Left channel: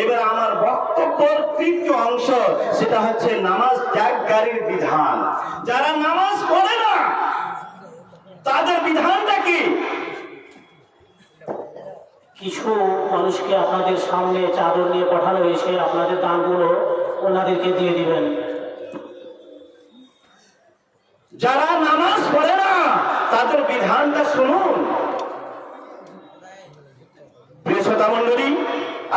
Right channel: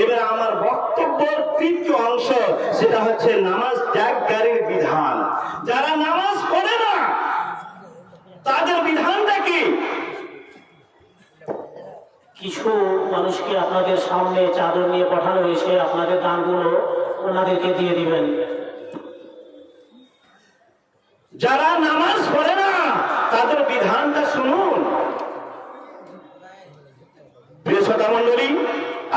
এবার আমার বক্তব্যের তৃতীয় অংশ, সেটা হচ্ছে নামাজ ত্যাগকারীর বিধান। যারা নামাজ পড়ে না তাদের বিধানটা কি? কিছু মানুষকে আপনাদের সামনে চাদর নিয়ে পাঠানো হয়েছে, আপনাদের দানগুলো ওনাদেরকে দিয়ে দিবেন। যারা নামাজ পড়ে না তাদের বিধানটা শুনুন। প্রিয় শ্রোতা মণ্ডলী,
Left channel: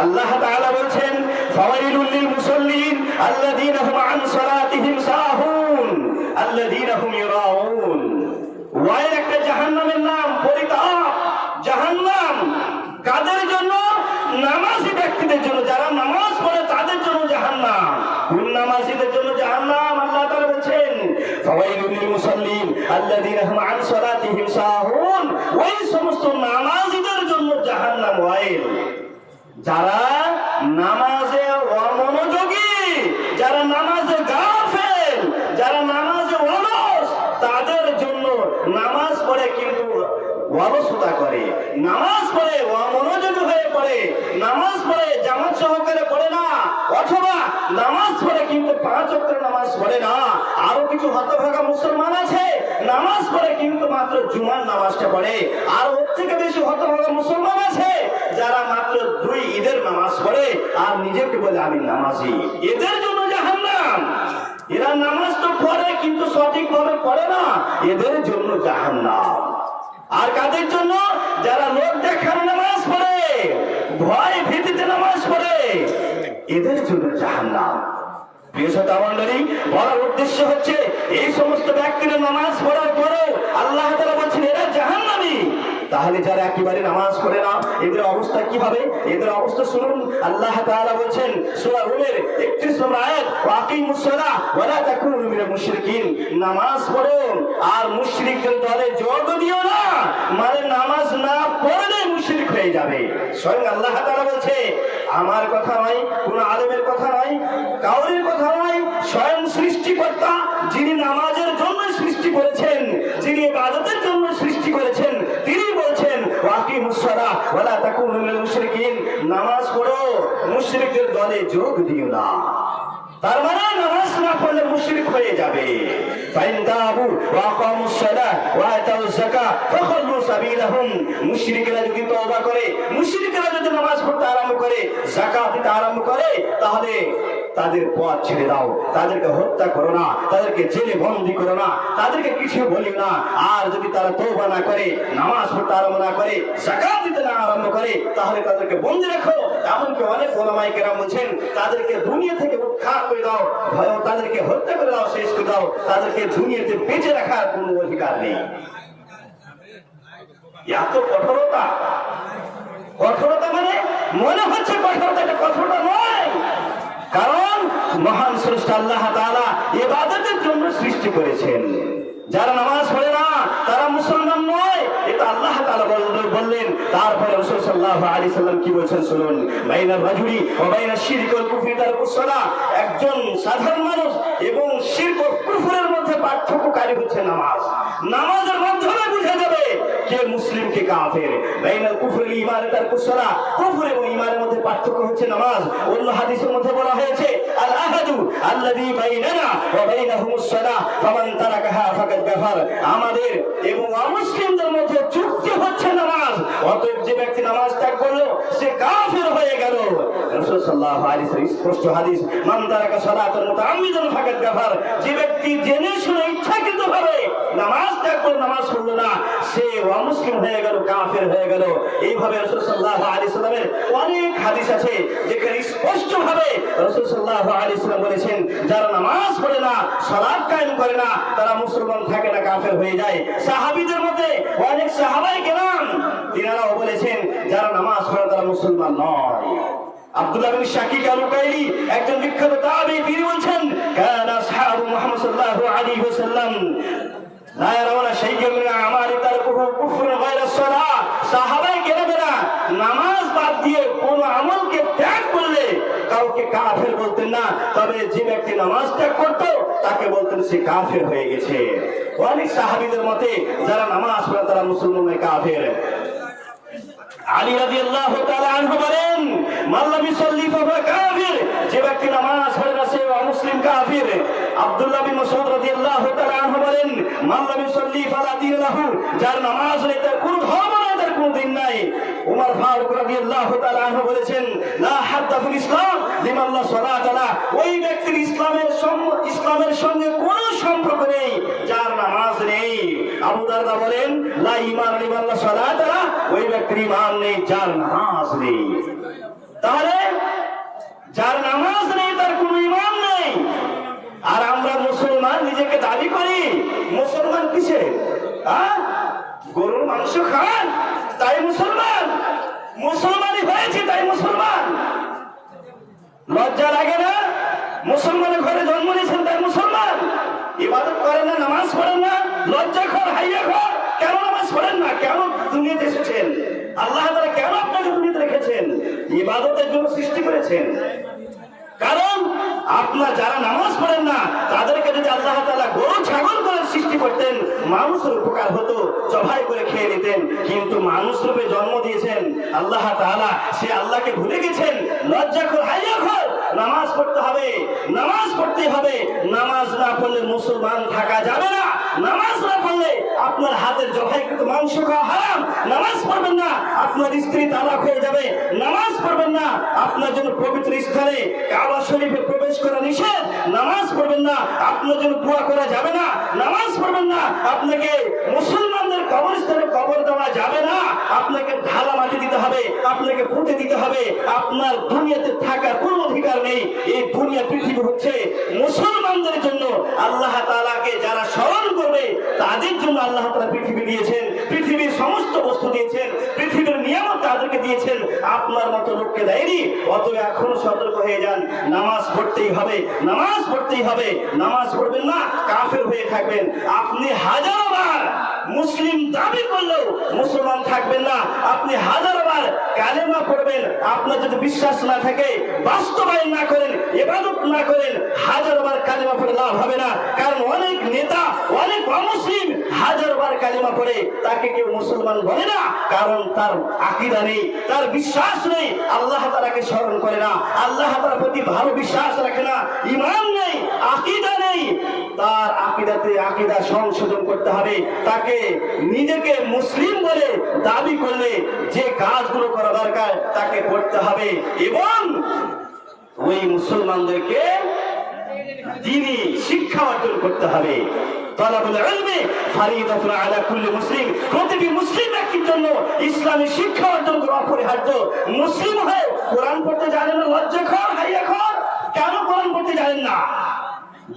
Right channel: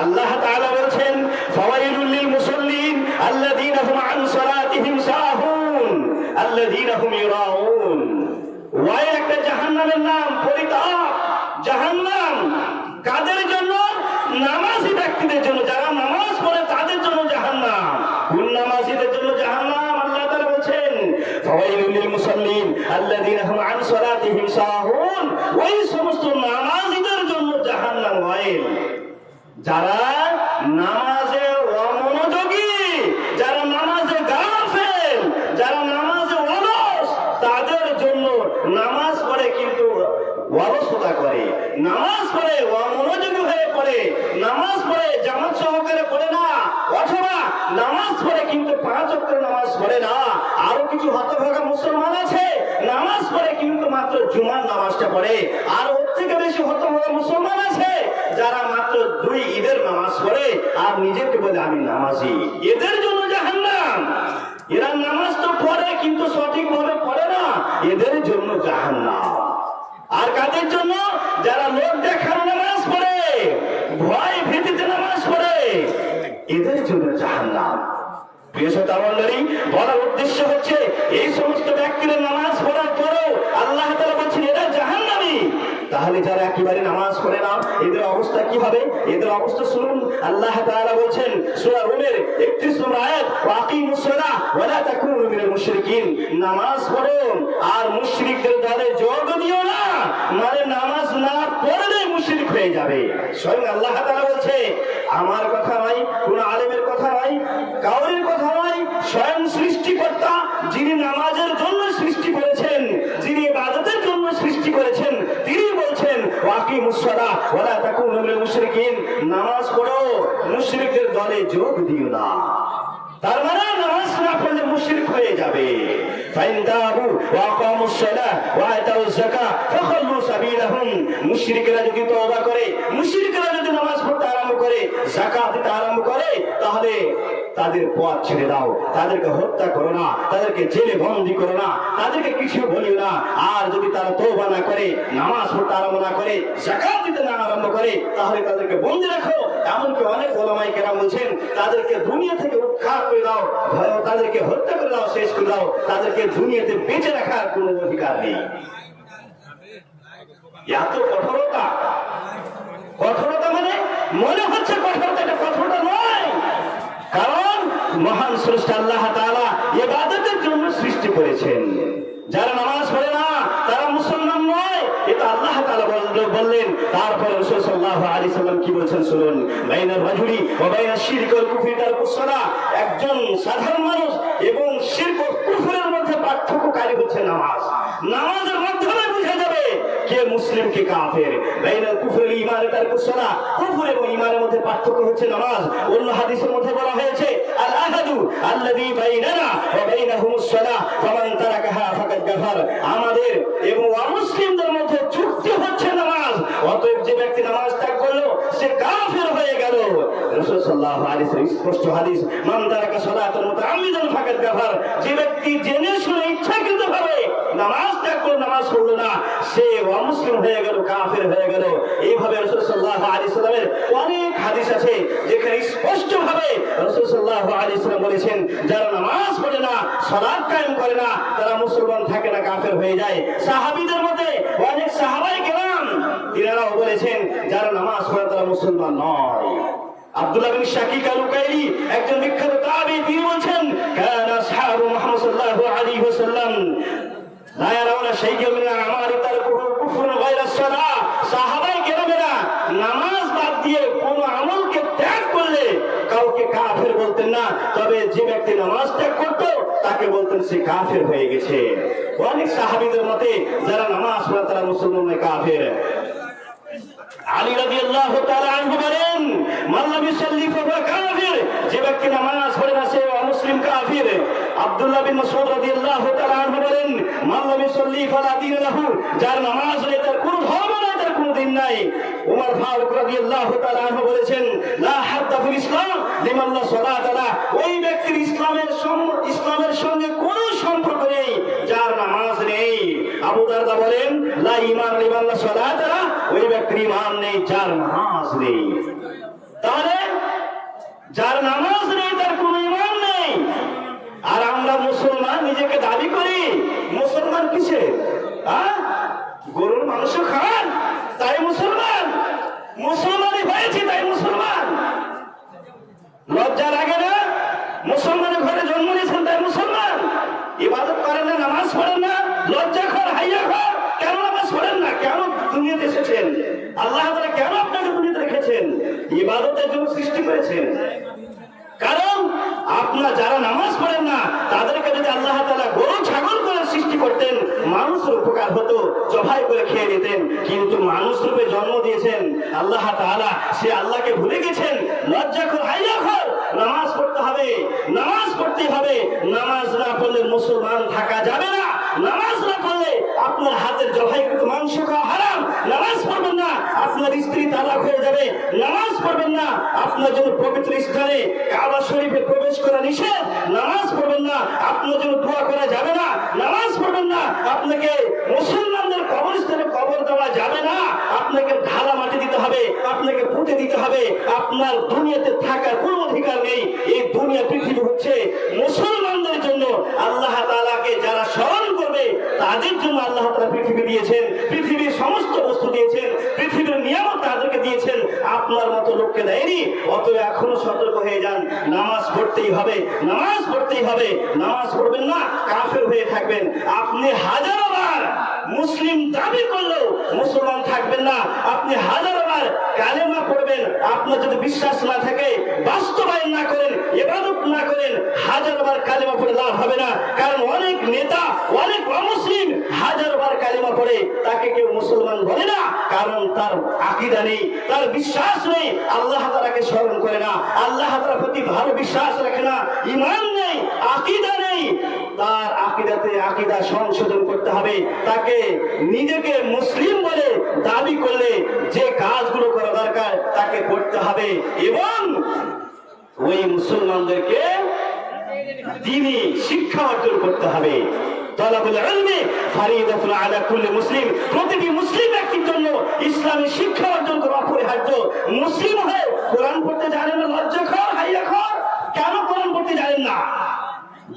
আল্লাহ তাআলা বলছেন, ফাওয়াইলুল লিল মুসাল্লিন আল্লাযীনা হুম আন সালাতিহিম সাহুন আল্লাযীনা হুম ইরাউন। ওয়াই একটা জাহান্নামের নাম, পরিতাপ জাহান্নাম। কাদের জন্য? নামাজি ব্যক্তিদের জন্য। যারা নামাজ পড়ে তাদের জন্য জাহান্নাম। কোন নামাজিদের জন্য জাহান্নাম? আল্লাহ তাআলা বলছেন, ফাওয়াইলুল লিল মুসাল্লিন আল্লাযীনা হুম আন সালাতিহিম সাহুন। ওই সমস্ত নামাজিদের জন্য জাহান্নাম ওয়াইল। যারা নামাজে অমনোযোগী, যারা নামাজে গাফেল, যারা নামাজে অলস, তাদের জন্য নামাজ পড়ে কিন্তু অলসতা করে, নামাজ পড়ে অমনোযোগী হয়ে পড়ে, নামাজ পড়ে জামাত সহকারে পড়ে না, অথবা নামাজ পড়ে কিন্তু 5 ওয়াক্ত নামাজ পড়ে না। আরো কিছু হতভাগা মুসলমান আছে, নামাজ পড়ে কিন্তু মাত্র জুমার নামাজটা পড়ে। আর ওর থেকে বেশি হতভাগা মুসলমান আছে যারা মাত্র 2 ঈদের নামাজ পড়ে আর নিজেকে বলে আমি নামাজি। এদের জন্য জাহান্নাম। এরা নামাজ তো পড়ে কিন্তু সঠিকভাবে পড়ে না, এদের জন্য জাহান্নাম। আর কাদের জন্য? যারা লোক দেখানো নামাজ পড়ে, ভয় ভীতিতে নামাজ পড়ে, এদের জন্য জাহান্নাম। প্রিয় শ্রোতা মণ্ডলী, বলার উদ্দেশ্য হচ্ছে এই সমস্ত ব্যক্তিরা নামাজ পড়ার পরেও আল্লাহ তাআলা বলছেন এরা জাহান্নামী। তাহলে যারা একেবারে নামাজ পড়ে না এদের অবস্থা কি হবে? এদের অবস্থা শুনুন। আল্লাহ তাআলা বলছেন সূরা রুমের 31 নম্বর আয়াত, ওয়াকিমুস সালাহ ওয়া লা তাকুনু মিনাল মুশরিকিন। নামাজ পড়ো আর মুশরিকদের দলে যোগ দিও না। মানে নামাজ না পড়লে মুশরিক হয়ে যাবে। স্বয়ং আল্লাহ তাআলা বলছে, আমার কথা নয়, কোন আলেমের কথা নয়, কাউরির কথা নয়, স্বয়ং সৃষ্টিকর্তা যিনি নামাজের জন্য সৃষ্টি করেছেন, যিনি ইবাদতের জন্য সৃষ্টি করেছেন, তিনি বলছেন ওয়াকিমুস সালাহ ওয়া লা তাকুনু মিনাল মুশরিকিন। নামাজ পড়ো, মুশরিকদের দলে যোগ দিও না। তার মানে নামাজ না পড়লে মুশরিক হয়ে যাবে। ফাইন তাবু ওয়া আকামুস সালাহ ওয়া আতাউজ যাকাত ফাখাল্লু সাবিলাহুম। মুশরিকরা যদি তওবা করে, মুশরিকরা যদি নামাজ পড়তে আরম্ভ করে, যাকাত দিতে আরম্ভ করে, তাহলে তাদের পথ ছেড়ে দাও, তাদেরকে হত্যা করো না, তাদেরকে জেলে বন্দী করো না, তাদেরকে কিছু বলিও না। আর যদি তারা তওবা না করে, নামাজ পড়তে আরম্ভ না করে, যাকাত দিতে না আরম্ভ করে, তাহলে তাদেরকে বন্দী রাখো। এমনকি অনেক উলামায়ে কেরাম বলেছেন তাদেরকে দুনিয়া থেকে উৎখাত করে দাও, তাদেরকে হত্যা করে দাও, শেষ করে দাও। তাদেরকে দুনিয়াতে বেঁচে রাখার কোনো অধিকার নেই। এত কঠোরতা, কঠোরতা মানে মনে হচ্ছে কঠোরতা, এটা কঠোরতা নয়। কারণ মহান স্রষ্টা আল্লাহ তাআলা ইবাদতের জন্য সৃষ্টি করেছেন। যারা নামাজ পড়ে না তারা মুসলমান নয়, এটা আল্লাহ তাআলা বললেন। তারপরে রাসূল সাল্লাল্লাহু আলাইহি সাল্লাম কি বলেছেন শুনুন, বাইনার রাজুলি ওয়া বাইনাশ শিরকি ওয়াল কুফরি তারকুস সালাহ। একজন সাধারণ মানুষ এবং শিরক ও কুফরের মধ্যে পার্থক্যকারী হচ্ছে নামাজ। নামাজের মাধ্যমে বোঝা যাবে কে মুসলিম কে কাফের। বাইনাল কুফরি ওয়াল ঈমান তারকুস সালাহ। কুফর এবং ঈমানের মধ্যে পার্থক্য হচ্ছে নামাজ। অন্য হাদিসের মধ্যে বলা হয়েছে আল আহাদু আল্লাযী বাইনানা ওয়া বাইনাহুমুস সালাহ ফামান তারাকাহা ফাকাদ কাফার। আমাদের এবং অমুসলিমদের মধ্যে চুক্তি হচ্ছে নামাজ। অতএব যে ব্যক্তি নামাজ ত্যাগ করলো সে কাফের হয়ে গেল। রাসূল সাল্লাল্লাহু আলাইহি ওয়াসাল্লাম স্পষ্ট হাদিস, মান তারাকা সালাতান মুতাআম্মিদান ফাকাদ কাফার। যে ব্যক্তি জেনে শুনে ইচ্ছাকৃতভাবে নামাজ ত্যাগ করে নামাজ পড়লো না, সে অমুসলিম হয়ে গেল, কাফের হয়ে গেল। এইভাবে রাসূল সাল্লাল্লাহু আলাইহি ওয়াসাল্লামের অনেক হাদিস আছে যেখানে স্পষ্টভাবে রাসূল সাল্লাল্লাহু আলাইহি ওয়াসাল্লাম বলেছেন যারা নামাজ পড়ে না, সালাত কায়েম করে না, তারা মুসলমান থাকে না, কাফের হয়ে যায়। সাহাবীদের মধ্যে অনেক সাহাবায়ে কেরাম তিনারাও বলেছেন যারা নামাজ পড়ে তারা মুসলমান নয়। আব্দুল্লাহ বিন শাকিক আল-উকাইলি একজন বিখ্যাত তাবী, তিনি বলেন কানা আসহাবু মুহাম্মদ সাল্লাল্লাহু আলাইহি ওয়াসাল্লাম লা ইয়ারাউনা শাইআন মিন আমালি তারকুহু কুফরুন গায়রা সালাহ। সাহাবায়ে কেরামেরা নামাজ বাদ দিয়ে কোন আমলকে ত্যাগ করলে কাউকে কাফের বলতেন না, তবে যে ব্যক্তি নামাজ ত্যাগ করত তাকে বলতেন সে কাফের হয়ে গেছে। অনেক সাহাবীদের মতে যারা নামাজ পড়ে তারা মুসলমান নয়, কাফের। আলী রাদিয়াল্লাহু তাআলা আনহু বলেন, মান লাম ইউসাল্লি ফাহুয়া কাফির, যে ব্যক্তি নামাজ পড়ে না সে অমুসলিম কাফির। আব্দুল্লাহ বিন মাসউদ রাদিয়াল্লাহু তাআলা আনহু বলেন, মান লাম ইউসাল্লি ফালা দীন লাহু, যার নামাজ নেই তার কোনো ধর্ম নাই, তার কোনো দিন নাই। উমর ফারুক রাদিয়াল্লাহু তাআলা আনহু বলেছেন, লা হাদ্দা ফিল ইসলাম লিমান লা সালাত লা, ওই ব্যক্তির ইসলামের সঙ্গে কোনো সম্পর্ক নেই যার নামাজ নেই। আবু দারদা বলেন, লা ঈমান লিমান লা সালাত লা, ওই ব্যক্তির ঈমান নেই যার নামাজ নেই। তাহলে যার নামাজ নেই তার কোনো ঈমান নেই। আর আমরা মুসলমান নিজেকে দাবি করি মুসলমান কিসে? গরুর মাংস খান তাই মুসলমান, মুসলমানই হয়েছে তাই মুসলমান। লজ্জা লাগে না? মুসলমানের ঘরে জন্ম নিয়েছেন তাই মুসলমান। ইবাদত করেন না, নামাজ পড়েন না, লজ্জা খর হাইয়া খর, কেন নামাজ পড়েন না? কেন দুনিয়াতে এসেছেন? আল্লাহ তাআলা কেন আপনাকে দুনিয়াতে রেখেছেন? ইবাদতের জন্য সৃষ্টি করেছেন। কারণ আপনার যারা নামাজ পড়েন না তাদেরকে যদি আল্লাহ তাআলা গরু ছাগল করে সৃষ্টি করতেন মানুষের উপকার হতো, জবাই করে খেয়ে নিতেন। কিন্তু মানুষ রূপে জন্ম দিয়েছেন আল্লাহ তাআলা, সে আল্লাহকে ভুলে গেছেন। লজ্জা খোর হাইয়া খোর, নামাজ পড়তে হবে, নামাজ পড়তে হবে। নামাজ না পড়লে মুসলমান থাকা যাবে না। নামাজ না পড়লে আপনার হাতের জবাইকৃত মাংস খাওয়া হারাম। নামাজ পড়বেন না আপনার স্ত্রী তালাক হয়ে যাবে। নামাজ পড়বেন না আপনার জন্য পবিত্র স্থানে কাবা শরীফে প্রবেশ করা নিষেধ। নামাজ পড়বেন না আপনার জন্য দোয়া করা যাবে না। নামাজ পড়বেন না আপনাকে মুসলমানদের কবরস্থানে কবর দেওয়া যাবে না। আপনাকে ঢালা মাটি দিতে হবে, আপনাকে পুঁতে দিতে হবে। আপনার দুনিয়াতে থাকার কোনো অধিকার নেই। এই দুনিয়া পৃথিবী হচ্ছে মুসলমানদের জন্য। আল্লাহ তাআলাকে যারা স্মরণ করবে তাদের জন্য আল্লাহ তাআলা পৃথিবী দিয়েছেন, পৃথিবীর সমস্ত বস্তু দিয়েছেন, পৃথিবীর নিয়ামত তাদেরকে দিয়েছেন, আপনার মতো লোককে দেয়নি। অতএব এখনো সতর্ক হয়ে যান, নামাজ পড়তেই হবে, নামাজ পড়তেই হবে। নামাজ পড়বেন না কাফের হয়ে থাকবেন। আপনি হাজারোবার মুসলিম দাবি করলেও মুসলমান থাকবেন না। আপনি হাজারোবার কালেমা পড়বেন, আপনার যদি বিশ্বাস না থাকে, বাস্তবায়ন না করেন, ইবাদত না করেন, হাজারোবার কালেমা পড়ে লাভ হবে না। কারণ অনেক নেতা, অনেক অমুসলিম হাজারবার কালেমা পড়ে তাকে কেউ মুসলমান বলে না, কারণ তার আকীদা নেই, তার বিশ্বাস নেই, আল্লাহ তাআলাকে স্মরণ করে না, আল্লাহ তাআলার প্রতি ভালো বিশ্বাস রাখে না, ঈমান নেই, আকীদা নেই। তার আকীদা সংশোধন করতে হবে। তাকে নিজেকে মুসলিম বলে দাবি করলে যে কাজগুলো করা দরকার তাকে করতে হবে এবং ওই মুসলমানদেরকে দ্বীনি শিক্ষা অর্জন করতে হবে। তালাবুল ইলমি ফরিদাতুন আলা কুল্লি মুসলিম, প্রতিটি মুসলিম ব্যক্তির জন্য ইসলামী শিক্ষা অর্জন করা অপরিহার্য। মুসলিম হয়ে কোরআন পড়তে জানেন না, লজ্জা খর হাইয়া খর, কেন কোরআন পড়তে জানেন না?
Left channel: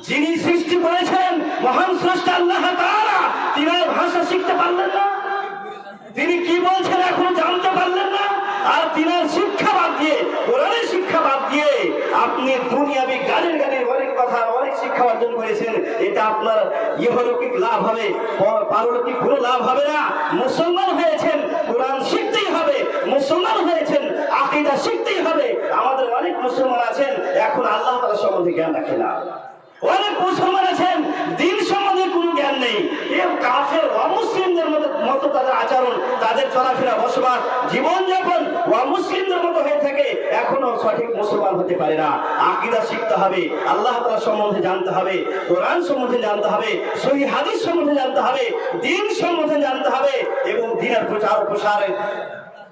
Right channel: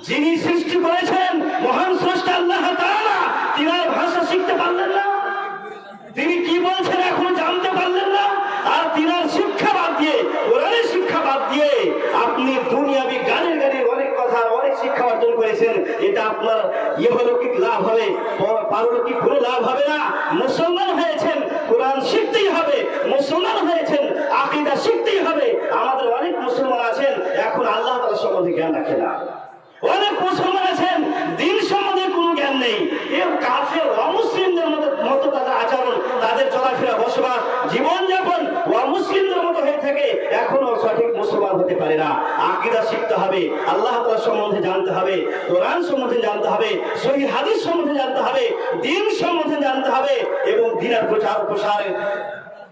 যিনি সৃষ্টি করেছেন মহান স্রষ্টা আল্লাহ তাআলা, তিনার ভাষা শিখতে পারলেন না? তিনি কি বলছেন এখনো জানতে পারলেন না? আর তিনার শিক্ষা বাদ দিয়ে, কোরআনের শিক্ষা বাদ দিয়ে আপনি দুনিয়াবি গানের অনেক কথা, অনেক শিক্ষা অর্জন করেছেন। এটা আপনার ইহলৌকিক লাভ হবে, পারলৌকিক কোনো লাভ হবে না। মুসলমান হয়েছেন কোরআন শিখতেই হবে, মুসলমান হয়েছেন আকীদা শিখতেই হবে। আমাদের অনেক মুসলমান আছেন এখন আল্লাহ তাআলা সম্বন্ধে জ্ঞান রাখে না। অনেক মুসলমান আছেন দিন সম্বন্ধে কোনো জ্ঞান নেই। এর কাফের অমুসলিমদের মতো তাদের আচরণ, তাদের চলাফেরা, বসবাস, জীবনযাপন অমুসলিমদের মতো হয়ে থাকে, এখনো সঠিক মুসলমান হতে পারে না। আকীদা শিখতে হবে, আল্লাহ তাআলা সম্বন্ধে জানতে হবে, কোরআন সম্বন্ধে জানতে হবে, সহিহ হাদিস সম্বন্ধে জানতে হবে, দ্বীন সম্বন্ধে জানতে হবে এবং দ্বীনের প্রচার প্রসারের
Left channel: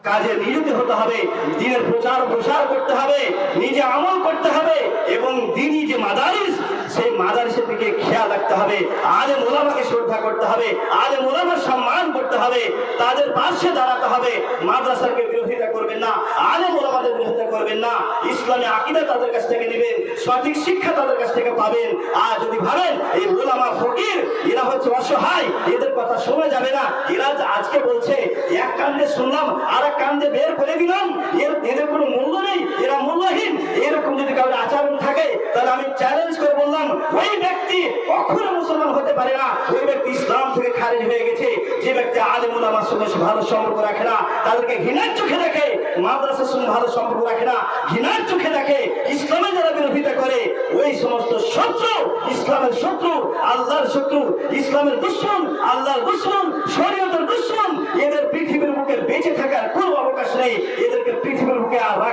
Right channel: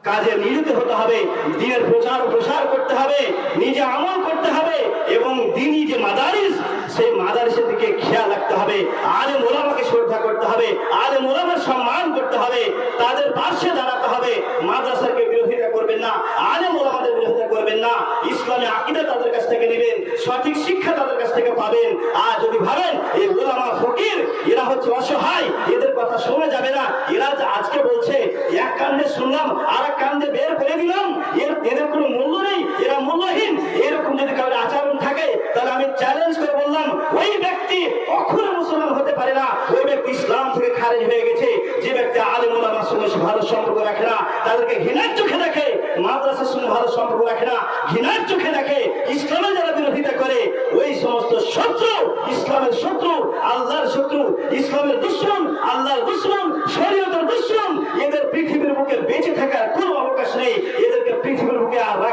কাজে নিয়োজিত হতে হবে। দ্বীনের প্রচার প্রসার করতে হবে, নিজে আমল করতে হবে এবং দ্বীনি যে মাদারিস, সেই মাদারিসের দিকে খেয়াল রাখতে হবে। আলেম ওলামাকে শ্রদ্ধা করতে হবে, আলেম ওলামার সম্মান করতে হবে, তাদের পাশে দাঁড়াতে হবে। মাদ্রাসাকে বিরোধিতা করবেন না, আলেম ওলামাদের বিরোধিতা করবেন না। ইসলামী আকীদা তাদের কাছ থেকে নেবেন, সঠিক শিক্ষা তাদের কাছ থেকে পাবেন। আর যদি ভাবেন এই ওলামা ফকির এরা হচ্ছে অসহায়, এদের কথা শোনা যাবে না, এরা আজকে বলছে এক কান্দে শুনলাম আর এক কান্দে বের করে দিলাম, এদের কোনো মূল্য নেই, এরা মূল্যহীন, এরকম যদি কারোর আচরণ থাকে তাহলে আমি চ্যালেঞ্জ করে বললাম ওই ব্যক্তি কখনো মুসলমান হতে পারে না। ওই ব্যক্তি ইসলাম থেকে খারিজ হয়ে গেছে। যে ব্যক্তি আলেম ওলামার সঙ্গে ভালো সম্পর্ক রাখে না, তাদেরকে ঘৃণার চোখে দেখে, মাদ্রাসার সঙ্গে ভালো সম্পর্ক রাখে না, ঘৃণার চোখে দেখে, ইসলামের যারা বিরোধিতা করে ওই সমস্ত শত্রু, ইসলামের শত্রু, আল্লাহর শত্রু, ইসলামের দুশমন, আল্লাহর দুশমন, শরীয়তের দুশমন, এদের পৃথিবীর বুকে বেঁচে থাকার কোনো অবকাশ নেই। এদেরকে পৃথিবীর বুকে আল্লাহ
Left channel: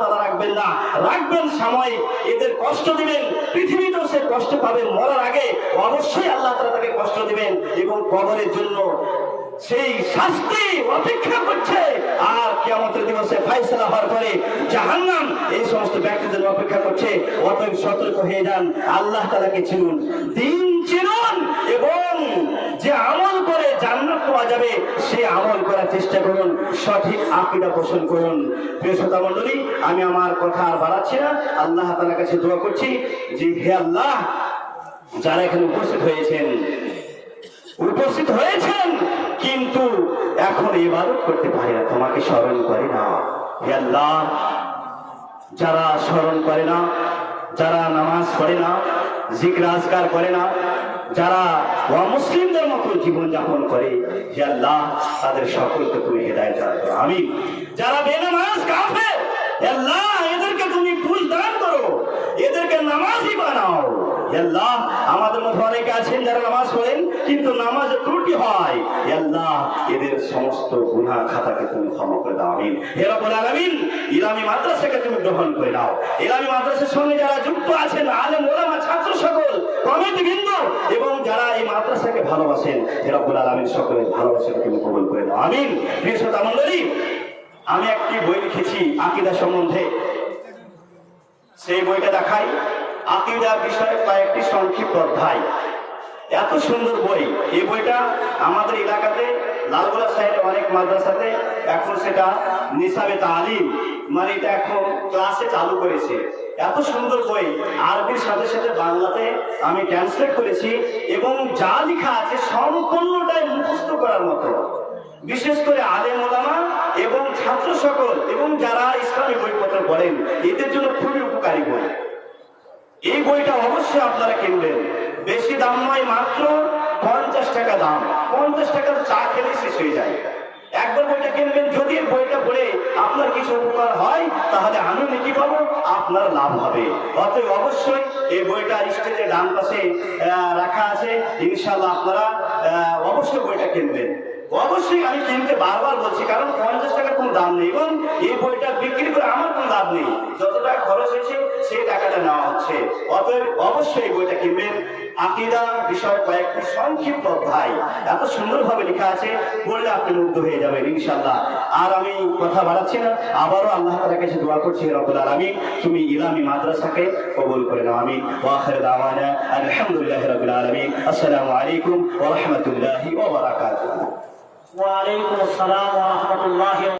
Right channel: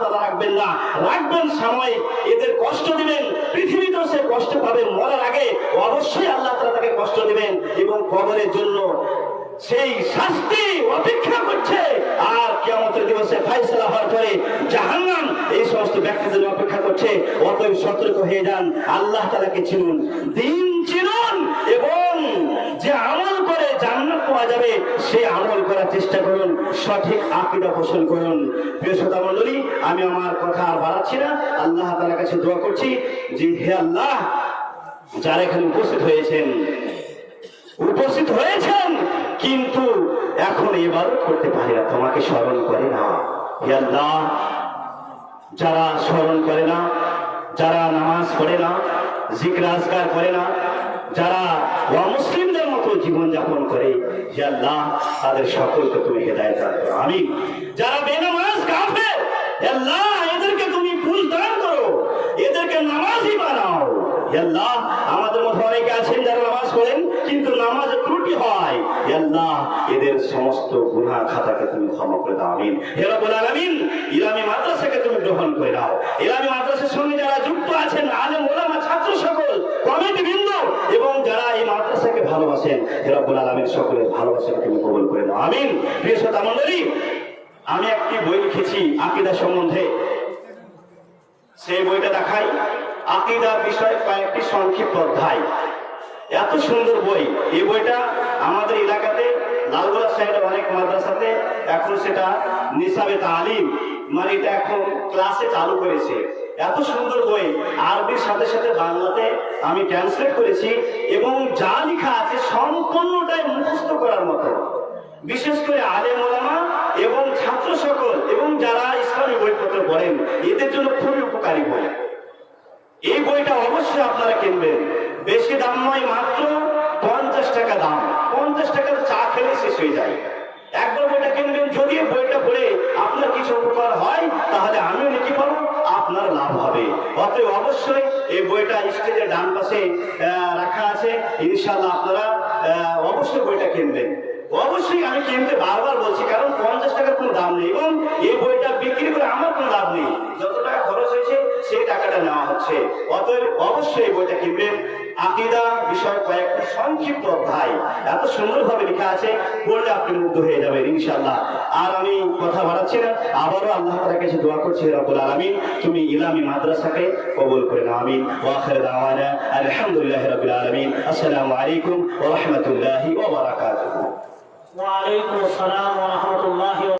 তাআলা রাখবেন না, রাখবেন সাময়িক। এদের কষ্ট দিবেন, পৃথিবীতেও সে কষ্ট পাবে, মরার আগে অবশ্যই আল্লাহ তাআলা তাকে কষ্ট দিবেন এবং কবরের জন্য সেই শাস্তি অপেক্ষা করছে। আর কিয়ামতের দিবসে ফায়সালা হওয়ার পরে জাহান্নাম এই সমস্ত ব্যক্তিদের অপেক্ষা করছে। অতএব সতর্ক হয়ে যান, আল্লাহ তাআলাকে চিনুন, দিন চিনুন এবং যে আমল করে জান্নাত পাওয়া যাবে সে আমল করার চেষ্টা করুন, সঠিক আকীদা পোষণ করুন। প্রিয় শ্রোতা মণ্ডলী, আমি আমার কথা আর বাড়াচ্ছি না, আল্লাহ তাআলার কাছে দোয়া করছি যে হে আল্লাহ, যারা এখানে উপস্থিত হয়েছেন কিন্তু এখন ইবাদত করতে পারে না, তোমাকে স্মরণ করে না। হে আল্লাহ, যারা স্মরণ করে না, যারা নামাজ পড়ে না, জিকির আজকার করে না, যারা অমুসলিমদের মতো জীবনযাপন করে, হে আল্লাহ তাদের সকলকে তুমি হেদায়েত দান করো, আমিন। যারা বেনামাজ কাফের, হে আল্লাহ এদেরকে তুমি বুঝ দান করো, এদেরকে নামাজি বানাও। হে আল্লাহ, আমাদের মধ্যে অনেকে আছেন যারা নামাজ পড়েন কিন্তু নামাজে ত্রুটি হয়, হে আল্লাহ এদের সমস্ত গুনাহ খাতাকে তুমি ক্ষমা করে দাও, আমিন। হে রব্বুল আলামিন, ইলামী মাদ্রাসাকে তুমি গ্রহণ করে নাও। ইলামী মাদ্রাসার সঙ্গে যারা যুক্ত আছেন, আলেম ওলামা ছাত্র সকল, কমিটিবৃন্দ এবং যারা এই মাদ্রাসাকে ভালোবাসেন, হে রব্বুল আলামিন সকলের ভালোবাসাকে তুমি কবুল করে দাও, আমিন। প্রিয় শ্রোতা মণ্ডলী, আমি একটি বই লিখেছি আকীদা সম্বন্ধে, সেই বইটা দেখাই। আকীদার বিষয়ে কয়েকটি সংক্ষিপ্ত অধ্যায়, এত সুন্দর বই। এই বইটা আমাদের এলাকাতে লালগোলা সাইডে অনেক মাদ্রাসাতে এখন সেটা নিসাবে তালিম, মানে এটা এখন ক্লাসে চালু করেছে। এত সুন্দর বই, আরবির সাথে সাথে বাংলাতে আমি ট্রান্সলেট করেছি এবং যা লেখা আছে সম্পূর্ণটাই মুখস্থ করার মতো। বিশেষ করে আলেম ওলামা এবং ছাত্র সকল এবং যারা ইসলামী বইপত্র পড়েন এদের জন্য খুবই উপকারী বই। এই বইটা অবশ্যই আপনারা কিনবেন, বেশি দাম নয়, মাত্র 50 টাকা দাম। 50 টাকার চা খেলে শেষ হয়ে যায়। একবার বইটা কিনবেন, যদি এই বইটা পড়ে আপনার কিছু উপকার হয় তাহলে আমিও নেকি পাবো, আপনার লাভ হবে। অতএব অবশ্যই এই বইটা স্টেজের ডান পাশে রাখা আছে, ইনশাআল্লাহ আপনারা অবশ্যই বইটা কিনবেন। অবশ্যই আমি কিনতে বারবার বলছি, কারণ 50 টাকার কোনো দাম নেই এবং এই বইটা বিক্রি করে আমার কোনো লাভ নেই। যত টাকা খরচ হয়েছে সেই টাকাটা নেওয়া হচ্ছে। অতএব অবশ্যই এই বইটা কিনবেন। আকীদা বিষয়ে কয়েকটি সংক্ষিপ্ত অধ্যায়, এত সুন্দরভাবে লেখা আছে, পড়লে আপনি মুগ্ধ হয়ে যাবেন ইনশাআল্লাহ। আর আমি কথা বাড়াচ্ছি না, আবারও আল্লাহ তাআলার কাছে দোয়া করছি, হে রব্বুল আলামিন তুমি ইলামী মাদ্রাসাকে কবুল করে নাও, আমিন। ওয়া আখিরু দাওয়ানা আলহামদুলিল্লাহি রাব্বিল আলামিন। আসসালামু আলাইকুম ওয়া রাহমাতুল্লাহি ওয়া বারাকাতুহু। ওয়া আলাইকুম আসসালাম ওয়া রাহমাতুল্লাহি